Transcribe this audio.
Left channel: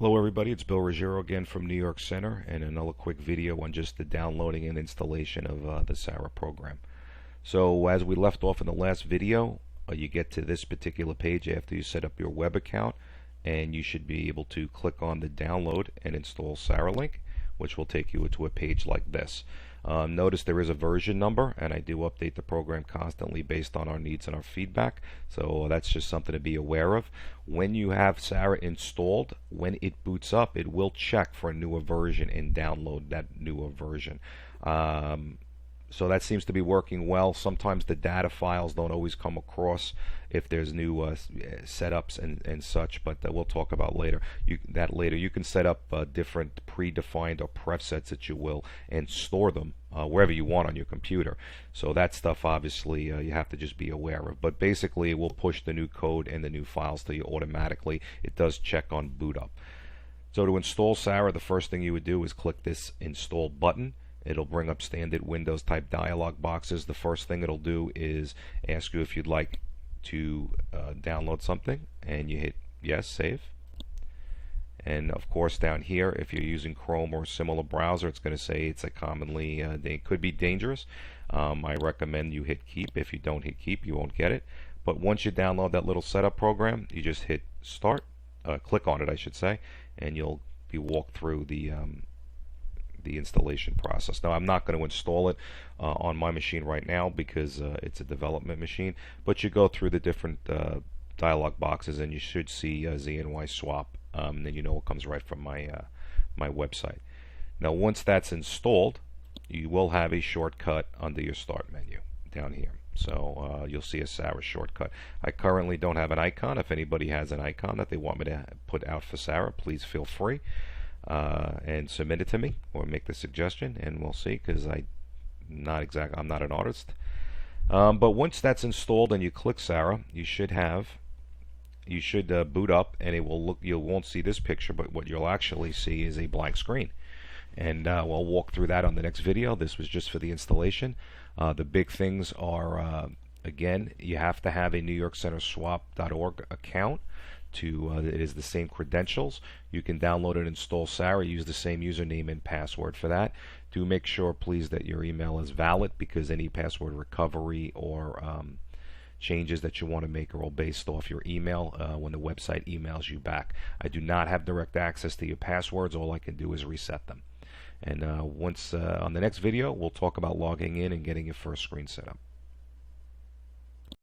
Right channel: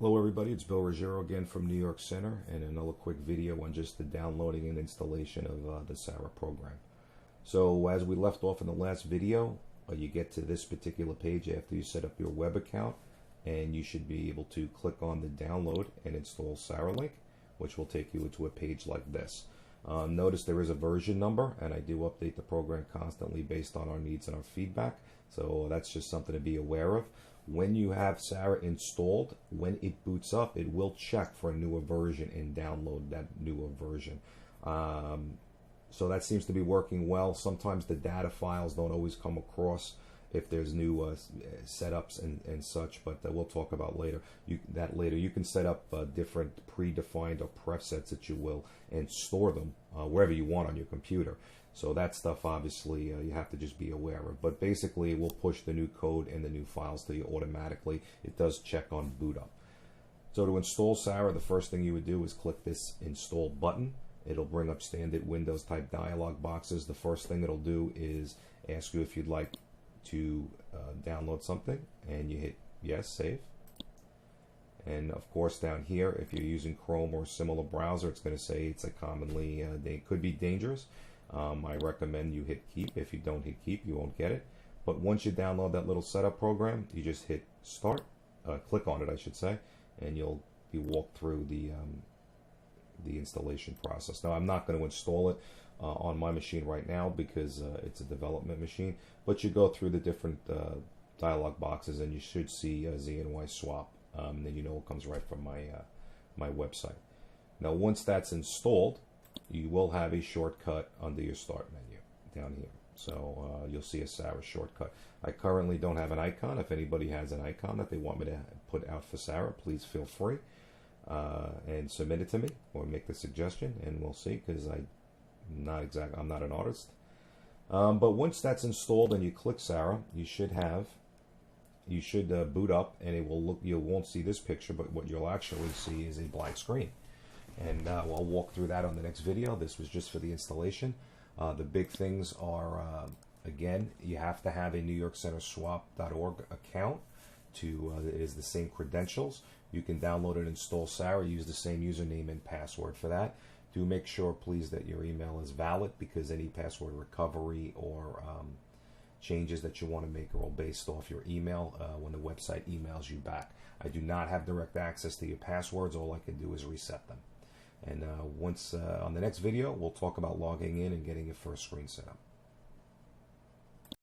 Hello everybody, it's Bill Ruggiero again from New York Center and another quick video on just the downloading and installation of the SARA program. So as we left off in the last video, you get to this particular page after you set up your web account, and you should be able to click on the download and install SARA link, which will take you to a page like this. Notice there is a version number, and I do update the program constantly based on our needs and our feedback, so that's just something to be aware of. When you have SARA installed, when it boots up, it will check for a newer version and download that newer version. So that seems to be working well. Sometimes the data files don't always come across if there's new setups and such, but we'll talk about that later. You can set up different predefined or presets that you will and store them wherever you want on your computer. So that stuff obviously you have to just be aware of. But basically it will push the new code and the new files to you automatically. It does check on boot up. So to install SARA, the first thing you would do is click this install button. It'll bring up standard Windows type dialog boxes. The first thing it'll do is ask you if you'd like to download something, and you hit yes, save. And of course down here, if you're using Chrome or a similar browser, it's going to say it's a commonly they could be dangerous. I recommend you hit keep. If you don't hit keep, you won't get it. But once you download that little setup program, you just hit start, click on it I should say, and you'll be walked through the installation process. Now I'm not going to install it on my machine right now because it's a development machine, but you go through the different dialog boxes and you should see ZNY swap, and then you know it comes right from my website. Now once that's installed, you will have a shortcut under your start menu down here. So you'll see a SARA shortcut. I currently don't have an icon. If anybody has an icon that they want me to put out for SARA, please feel free. And submit it to me or make the suggestion, and we'll see, because I'm not an artist. But once that's installed and you click SARA, you should boot up, and it will look. You won't see this picture, but what you'll actually see is a blank screen. And we'll walk through that on the next video. This was just for the installation. The big things are again, you have to have a NewYorkCenterSwap.org account. It is the same credentials. You can download and install SARA, use the same username and password for that. Do make sure please that your email is valid, because any password recovery or changes that you want to make are all based off your email when the website emails you back. I do not have direct access to your passwords. All I can do is reset them. And once on the next video, we'll talk about logging in and getting your first screen set up.